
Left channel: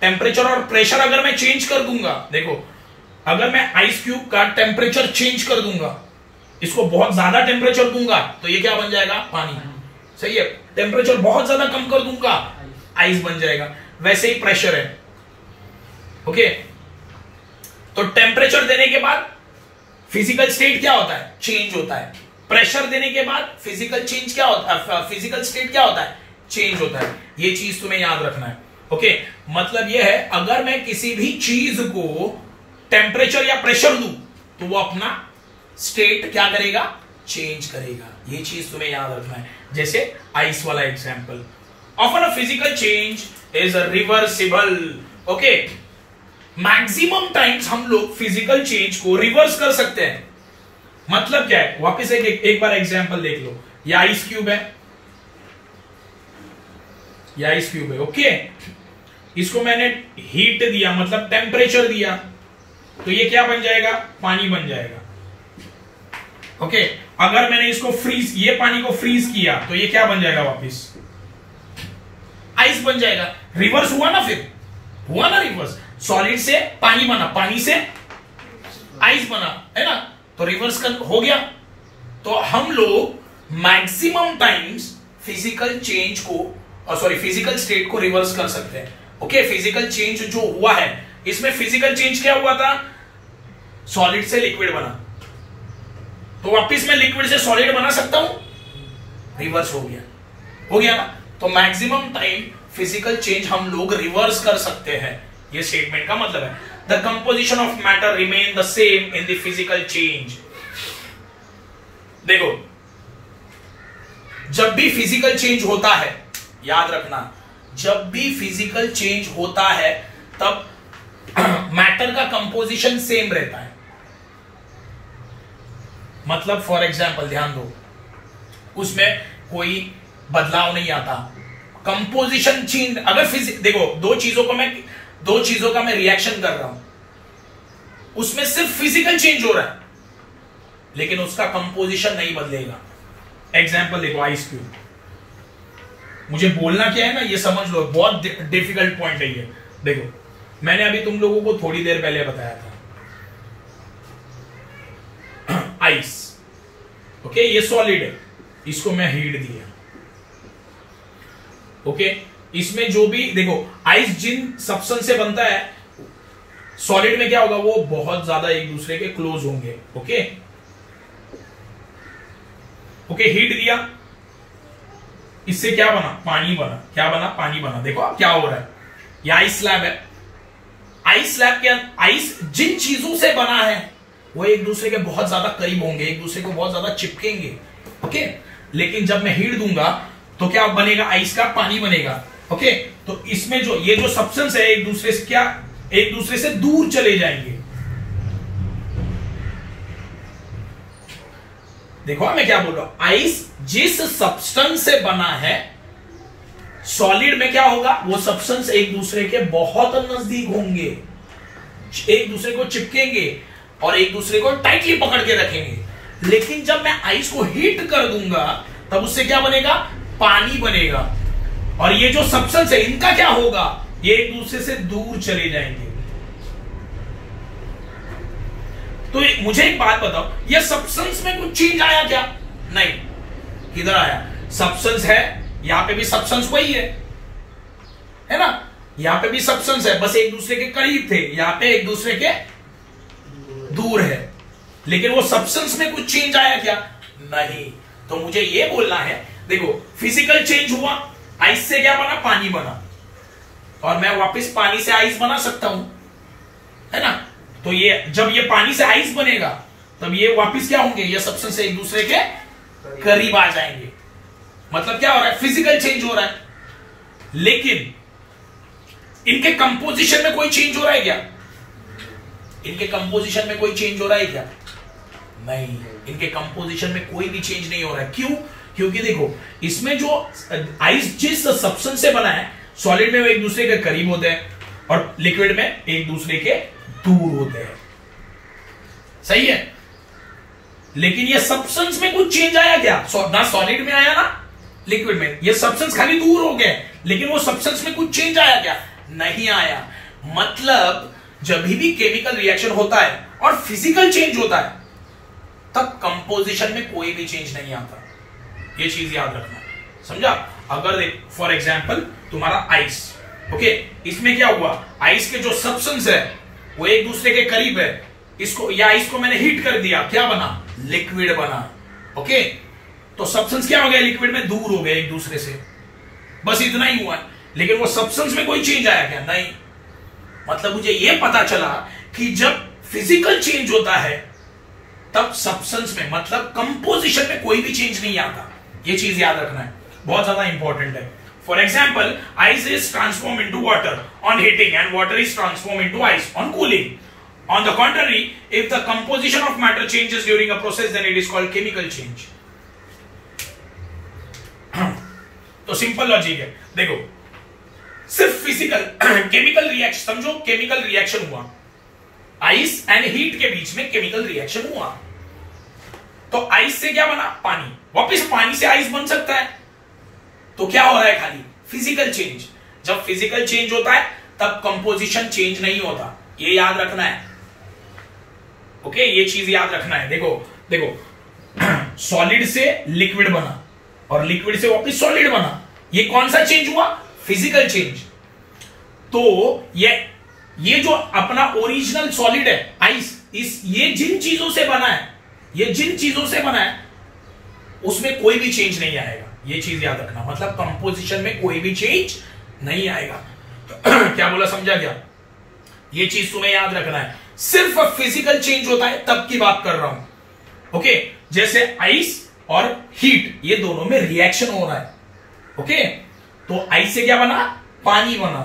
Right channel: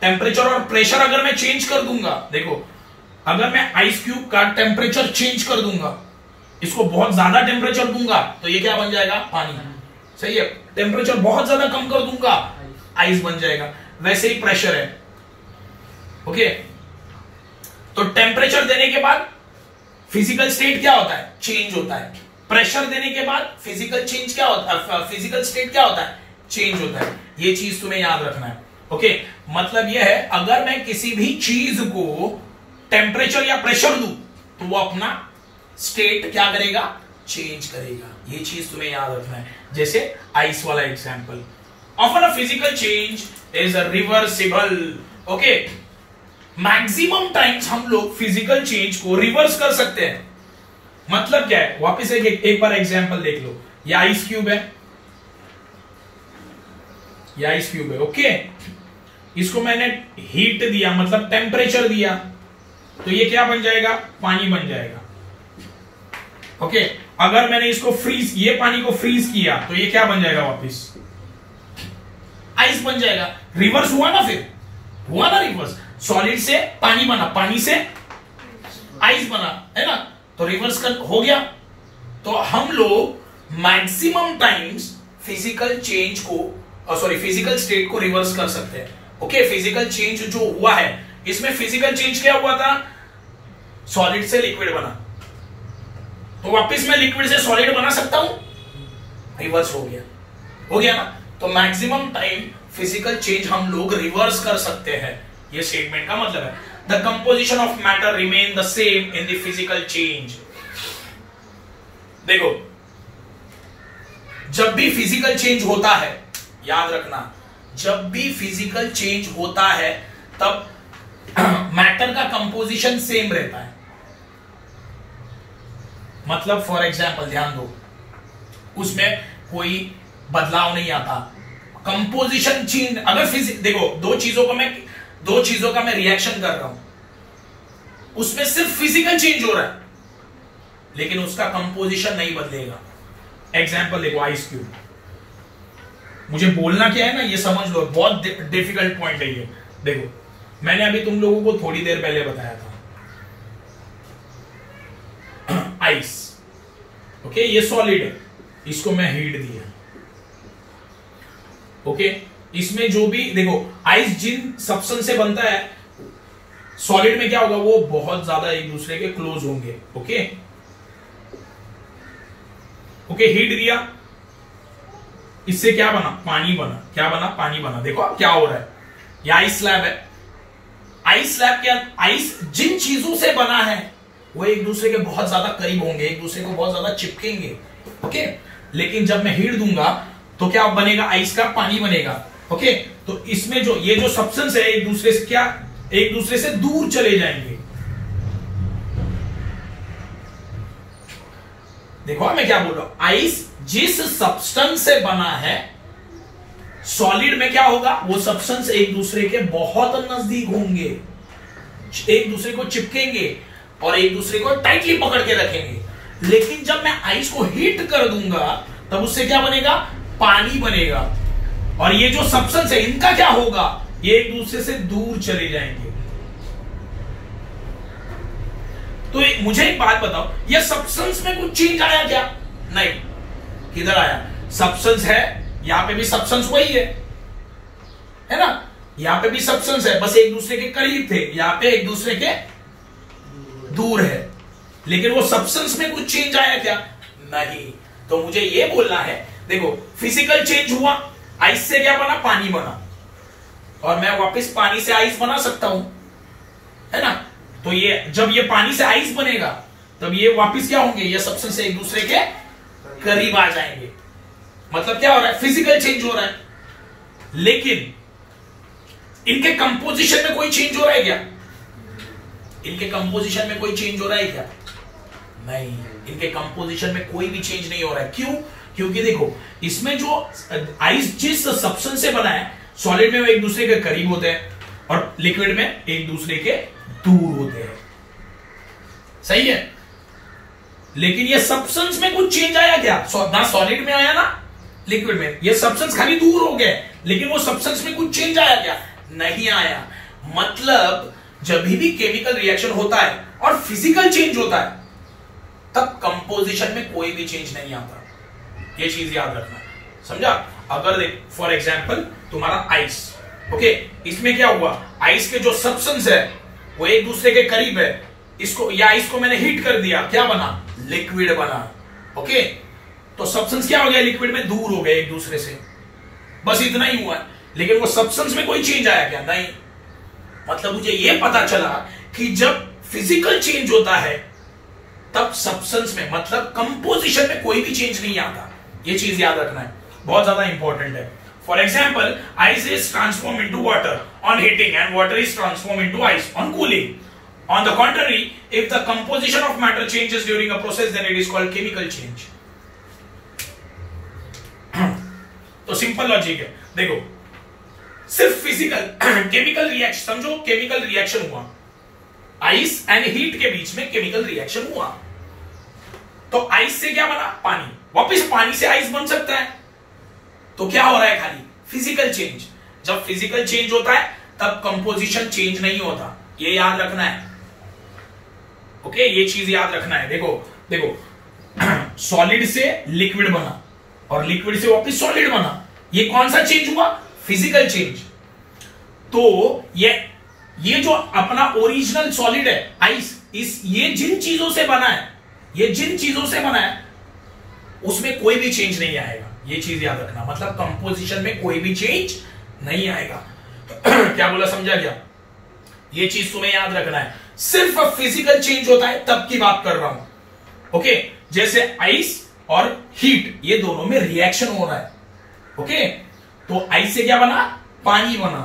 टेम्परेचर और प्रेशर अगर मैं चेंज कर दूंगा, देखो अगर मैं आइस क्यूब का टेम्परेचर चेंज कर दूंगा, इसको बहुत ज्यादा टेम्परेचर दूंगा तो ये क्या बन जाएगा? पानी, सही है। टेम्परेचर बहुत ज्यादा कम कर दूंगा, आइस बन जाएगा। वैसे ही प्रेशर है, ओके। तो टेम्परेचर देने के बाद फिजिकल स्टेट क्या होता है? चेंज होता है। प्रेशर देने के बाद फिजिकल चेंज क्या होता है? फिजिकल स्टेट क्या होता है? चेंज होता है। ये चीज तुम्हें याद रखना है, ओके। मतलब यह है, अगर मैं किसी भी चीज को टेम्परेचर या प्रेशर दूं तो वो अपना स्टेट क्या करेगा? चेंज करेगा। ये चीज तुम्हें याद रखना है। जैसे आइस वाला example, often a physical change is reversible, okay. Maximum times हम लोग फिजिकल चेंज को रिवर्स कर सकते हैं। मतलब क्या है? वापस एक बार एग्जांपल देख लो। ये आइस क्यूब है, ये आइस क्यूब है, ओके। इसको मैंने हीट दिया, मतलब टेम्परेचर दिया, तो ये क्या बन जाएगा? पानी बन जाएगा, ओके। अगर मैंने इसको फ्रीज, ये पानी को फ्रीज किया तो ये क्या बन जाएगा? वापस आइस बन जाएगा। रिवर्स हुआ ना, फिर हुआ ना रिवर्स। सॉलिड से पानी बना, पानी से आइस बना, है ना, तो रिवर्स हो गया। तो हम लोग मैक्सिमम टाइम्स फिजिकल चेंज को, सॉरी फिजिकल स्टेट को रिवर्स कर सकते हैं, ओके। फिजिकल चेंज जो हुआ है, इसमें फिजिकल चेंज क्या हुआ था? सॉलिड से लिक्विड बना, तो वापस मैं लिक्विड से सॉलिड बना सकता हूं, रिवर्स हो गया, हो गया ना। तो मैक्सिमम टाइम फिजिकल चेंज हम लोग रिवर्स कर सकते हैं, ये स्टेटमेंट का मतलब है। The composition of matter remain the same in the physical change. देखो, जब भी फिजिकल चेंज होता है, याद रखना, जब भी फिजिकल चेंज होता है तब मैटर का कंपोजिशन सेम रहता है। मतलब फॉर एग्जाम्पल ध्यान दो, उसमें कोई बदलाव नहीं आता। कंपोजिशन चेंज, अगर देखो दो चीजों का मैं रिएक्शन कर रहा हूं, उसमें सिर्फ फिजिकल चेंज हो रहा है लेकिन उसका कंपोजिशन नहीं बदलेगा। एग्जाम्पल देखो, आइस क्यूब। मुझे बोलना क्या है ना, ये समझ लो, बहुत डिफिकल्ट पॉइंट है ये। देखो, मैंने अभी तुम लोगों को थोड़ी देर पहले बताया था आइस, ओके, ये सॉलिड है, इसको मैं हीट दिया, ओके। इसमें जो भी देखो, आइस जिन सब्सटेंस से बनता है, सॉलिड में क्या होगा? वो बहुत ज्यादा एक दूसरे के क्लोज होंगे, ओके। ओके, हीट दिया, इससे क्या बना? पानी बना। क्या बना? पानी बना। देखो अब क्या हो रहा है, ये आइस स्लैब है। आइस स्लैब के आइस जिन चीजों से बना है वो एक दूसरे के बहुत ज्यादा करीब होंगे, एक दूसरे को बहुत ज्यादा चिपकेंगे, ओके। लेकिन जब मैं हीट दूंगा तो क्या बनेगा? आइस का पानी बनेगा, ओके। तो इसमें जो ये जो सब्सटेंस है, एक दूसरे से क्या, एक दूसरे से दूर चले जाएंगे। देखो मैं क्या बोल रहा हूं, आइस जिस सब्सटेंस से बना है, सॉलिड में क्या होगा? वो सब्सटेंस एक दूसरे के बहुत नजदीक होंगे, एक दूसरे को चिपकेंगे और एक दूसरे को टाइटली पकड़ के रखेंगे। लेकिन जब मैं आइस को हीट कर दूंगा तब उससे क्या बनेगा? पानी बनेगा। और ये जो सब्सटेंस है, इनका क्या होगा? ये एक दूसरे से दूर चले जाएंगे। तो मुझे एक बात बताओ, ये सब्सटेंस में कुछ चेंज आया क्या? नहीं। किधर आया? सब्सटेंस है, यहां पे भी सब्सटेंस वही है ना, यहां पे भी सब्सटेंस है, बस एक दूसरे के करीब थे, यहां पे एक दूसरे के दूर है। लेकिन वो सब्सटेंस में कुछ चेंज आया क्या? नहीं। तो मुझे ये बोलना है, देखो फिजिकल चेंज हुआ, आइस से क्या बना? पानी बना, और मैं वापस पानी से आइस बना सकता हूं, है ना। तो ये जब ये पानी से आइस बनेगा तब ये वापस क्या होंगे? ये सब्सटेंस एक दूसरे के करीब आ जाएंगे। मतलब क्या हो रहा है? फिजिकल चेंज हो रहा है। लेकिन इनके कंपोजिशन में कोई चेंज हो रहा है क्या? इनके कंपोजिशन में कोई चेंज हो रहा है क्या? नहीं, इनके कंपोजिशन में कोई भी चेंज नहीं हो रहा है। क्यों? क्योंकि देखो, इसमें जो आइस जिस सब्सटेंस से बना है, सॉलिड में वो एक दूसरे के करीब होते हैं और लिक्विड में एक दूसरे के दूर होते हैं। सही है? लेकिन ये सब्सटेंस में कुछ चेंज आया क्या? ना सॉलिड में आया ना लिक्विड में। ये सब्सटेंस खाली दूर हो गए, लेकिन वो सब्सटेंस में कुछ चेंज आया क्या? नहीं आया। मतलब जब भी केमिकल रिएक्शन होता है और फिजिकल चेंज होता है, तब कंपोजिशन में कोई भी चेंज नहीं आता। ये चीज याद रखना, समझा? अगर देख फॉर एग्जांपल तुम्हारा आइस, ओके, इसमें क्या हुआ? आइस के जो सब्सटेंस है वो एक दूसरे के करीब है, इसको या आइस को मैंने हीट कर दिया, क्या बना? लिक्विड बना। ओके, तो सब्सटेंस क्या हो गया? लिक्विड में दूर हो गए एक दूसरे से, बस इतना ही हुआ है। लेकिन वो सब्सटेंस में कोई चेंज आया क्या? नहीं। मतलब मुझे ये पता चला कि जब फिजिकल चेंज होता है तब सब्सटेंस में, मतलब कंपोजिशन में कोई भी चेंज नहीं आता। ये चीज याद रखना है, बहुत ज्यादा इंपॉर्टेंट है। For example, ice is transform into water on heating and water is transform into ice on cooling. On the contrary, if the composition of matter changes during a process, then it is called chemical change. तो simple logic है, देखो सिर्फ physical chemical reaction समझो, chemical reaction हुआ, ice and heat के बीच में chemical reaction हुआ, तो आइस से क्या बना? पानी। वापस पानी से आइस बन सकता है, तो क्या हो रहा है? खाली फिजिकल चेंज। जब फिजिकल चेंज होता है तब कंपोजिशन चेंज नहीं होता, ये याद रखना है। ओके, ये चीज याद रखना है। देखो देखो सॉलिड से लिक्विड बना और लिक्विड से वापस सॉलिड बना, ये कौन सा चेंज हुआ? Physical change. तो ये जो अपना ओरिजिनल सॉलिड है आइस, ये जिन चीजों से बना है, ये जिन चीजों से बना है उसमें कोई भी चेंज नहीं आएगा। ये चीज याद रखना, मतलब कंपोजिशन में कोई भी चेंज नहीं आएगा। क्या बोला, समझा क्या? ये चीज तुम्हें याद रखना है। सिर्फ फिजिकल चेंज होता है तब की बात कर रहा हूं। ओके, जैसे आइस और हीट, ये दोनों में रिएक्शन हो रहा है। ओके, तो आइस से क्या बना? पानी बना,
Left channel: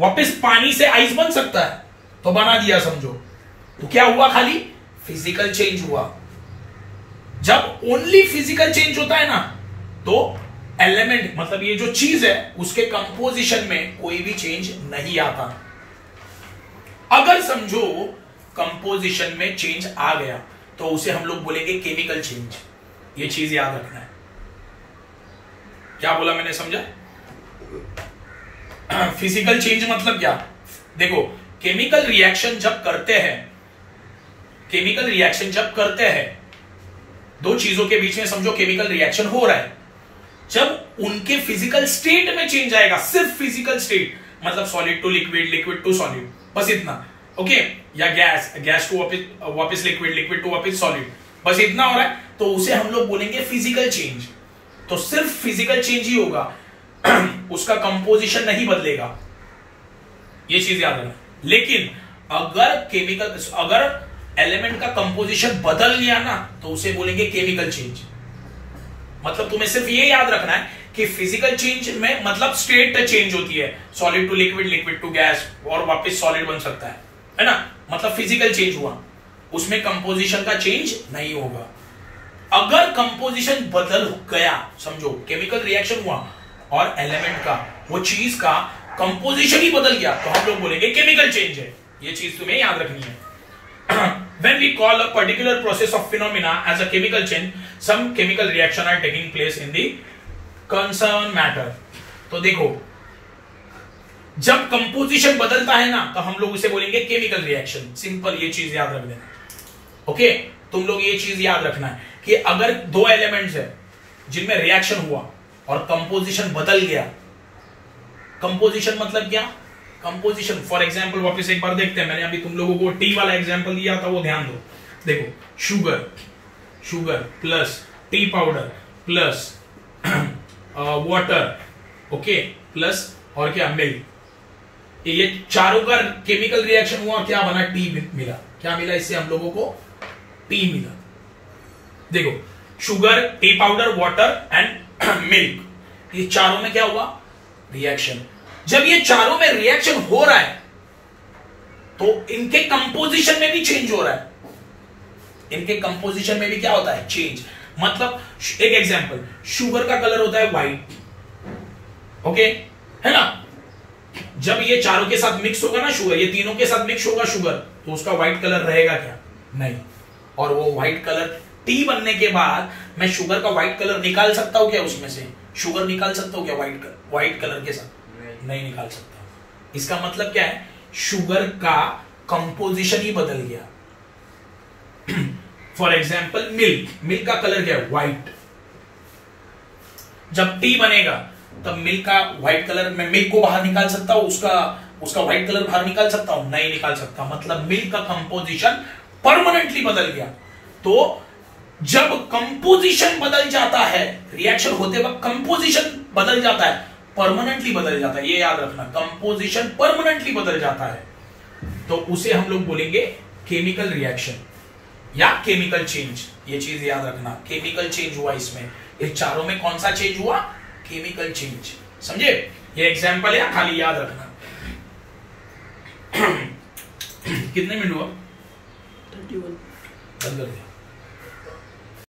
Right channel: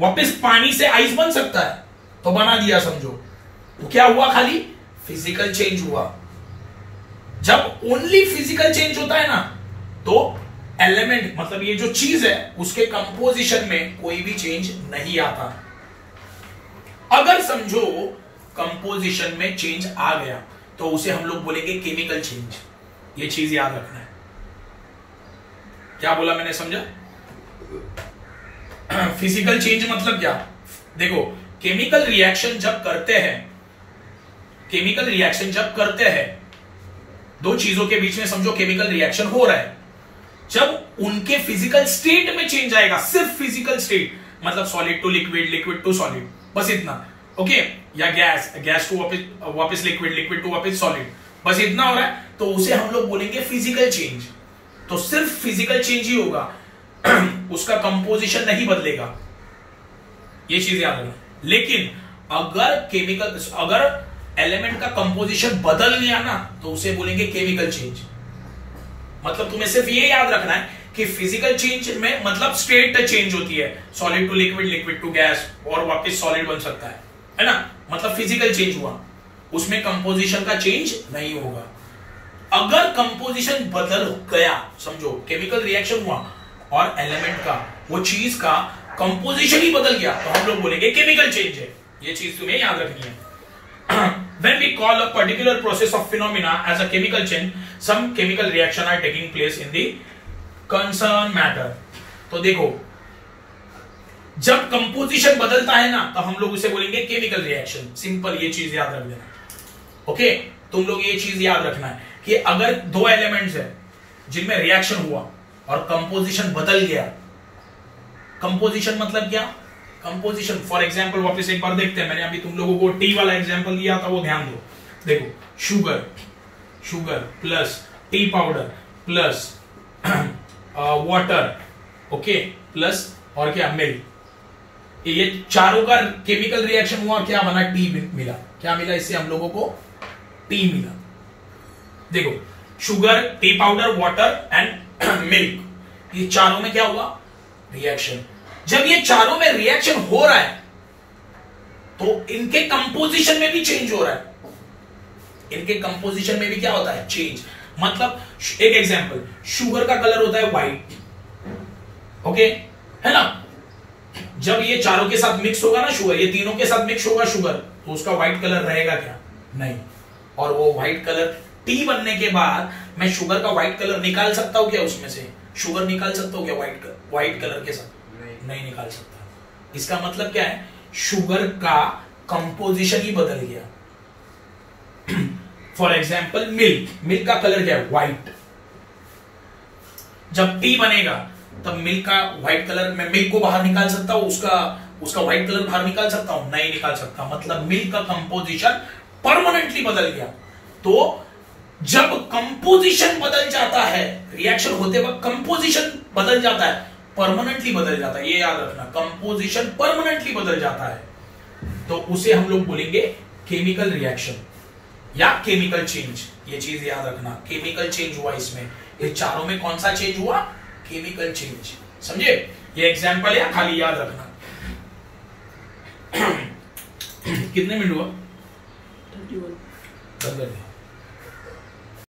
वापस पानी से आइस बन सकता है, तो बना दिया समझो। तो क्या हुआ? खाली फिजिकल चेंज हुआ। जब ओनली फिजिकल चेंज होता है ना, तो एलिमेंट मतलब ये जो चीज है उसके कंपोजिशन में कोई भी चेंज नहीं आता। अगर समझो कंपोजिशन में चेंज आ गया तो उसे हम लोग बोलेंगे केमिकल चेंज। ये चीज याद रखना है। क्या बोला मैंने, समझा? फिजिकल चेंज मतलब क्या? देखो केमिकल रिएक्शन जब करते हैं, केमिकल रिएक्शन जब करते हैं, दो चीजों के बीच में समझो केमिकल रिएक्शन हो रहा है, जब उनके फिजिकल स्टेट में चेंज आएगा, सिर्फ फिजिकल स्टेट मतलब solid to liquid, liquid to solid, बस इतना। ओके, या गैस टू वापस लिक्विड, लिक्विड टू वापस सॉलिड, बस इतना हो रहा है, तो उसे हम लोग बोलेंगे फिजिकल चेंज। तो सिर्फ फिजिकल चेंज ही होगा, उसका कंपोजिशन नहीं बदलेगा। ये चीज याद रखना। लेकिन अगर एलिमेंट का कंपोजिशन बदल गया ना, तो उसे बोलेंगे केमिकल चेंज। मतलब तुम्हें सिर्फ ये याद रखना है कि फिजिकल चेंज में मतलब स्टेट चेंज होती है, solid to liquid, liquid to gas, और वापस सॉलिड बन सकता है ना? मतलब फिजिकल चेंज हुआ, उसमें कंपोजिशन का चेंज नहीं होगा। अगर कंपोजिशन बदल गया, समझो केमिकल रिएक्शन हुआ और एलिमेंट का, वो चीज का कंपोजिशन ही बदल गया, तो हम लोग बोलेंगे केमिकल चेंज है। ये चीज तुम्हें याद रखनी है। When we call a particular process of phenomena as a chemical change, some chemical reaction are taking place in the concerned matter. तो देखो जब कंपोजिशन बदलता है ना, तो हम लोग उसे बोलेंगे केमिकल रिएक्शन। सिंपल, ये चीज याद रख देना। ओके, तुम लोग ये चीज याद रखना है कि अगर दो एलिमेंट्स है जिनमें रिएक्शन हुआ और कंपोजिशन बदल गया, कंपोजिशन मतलब क्या? कंपोजिशन फॉर एग्जांपल वापस एक बार देखते हैं, मैंने अभी तुम लोगों को टी वाला एग्जांपल दिया था, वो ध्यान दो। देखो sugar plus T powder plus water, okay, plus और क्या? मिल्क, ये चारों का केमिकल रिएक्शन हुआ, क्या बना? टी मिला। क्या मिला इससे हम लोगों को? टी मिला। देखो sugar, T powder, water and milk, ये चारों में क्या हुआ? रिएक्शन। जब ये चारों में रिएक्शन हो रहा है तो इनके कंपोजिशन में भी चेंज हो रहा है। इनके कंपोजिशन में भी क्या होता है? चेंज। मतलब एक एग्जांपल, शुगर का कलर होता है व्हाइट, ओके, है ना? जब ये चारों के साथ मिक्स होगा ना शुगर, ये तीनों के साथ मिक्स होगा शुगर, तो उसका व्हाइट कलर रहेगा क्या? नहीं। और वो व्हाइट कलर टी बनने के बाद मैं शुगर का व्हाइट कलर निकाल सकता हूं क्या? उसमें से शुगर निकाल सकता हूं क्या व्हाइट कलर के साथ? नहीं निकाल सकता। इसका मतलब क्या है? शुगर का कंपोजिशन ही बदल गया। फॉर एग्जाम्पल मिल्क का कलर क्या है? व्हाइट। जब टी बनेगा तब मिल्क का व्हाइट कलर, मैं मिल्क को बाहर निकाल सकता हूं, उसका व्हाइट कलर बाहर निकाल सकता हूं? नहीं निकाल सकता। मतलब मिल्क का कंपोजिशन परमानेंटली बदल गया। तो जब कंपोजिशन बदल जाता है, रिएक्शन होते वक्त कंपोजिशन बदल जाता है, परमानेंटली बदल जाता है, ये याद रखना, कंपोजिशन परमानेंटली बदल जाता है, तो उसे हम लोग बोलेंगे केमिकल रिएक्शन या केमिकल चेंज। ये चीज याद रखना, केमिकल चेंज हुआ इसमें। ये चारों में कौन सा चेंज हुआ? Chemical change. समझे? ये एग्जांपल है, खाली याद रखना। कितने मिनट हुआ? 31। बंद कर दिया।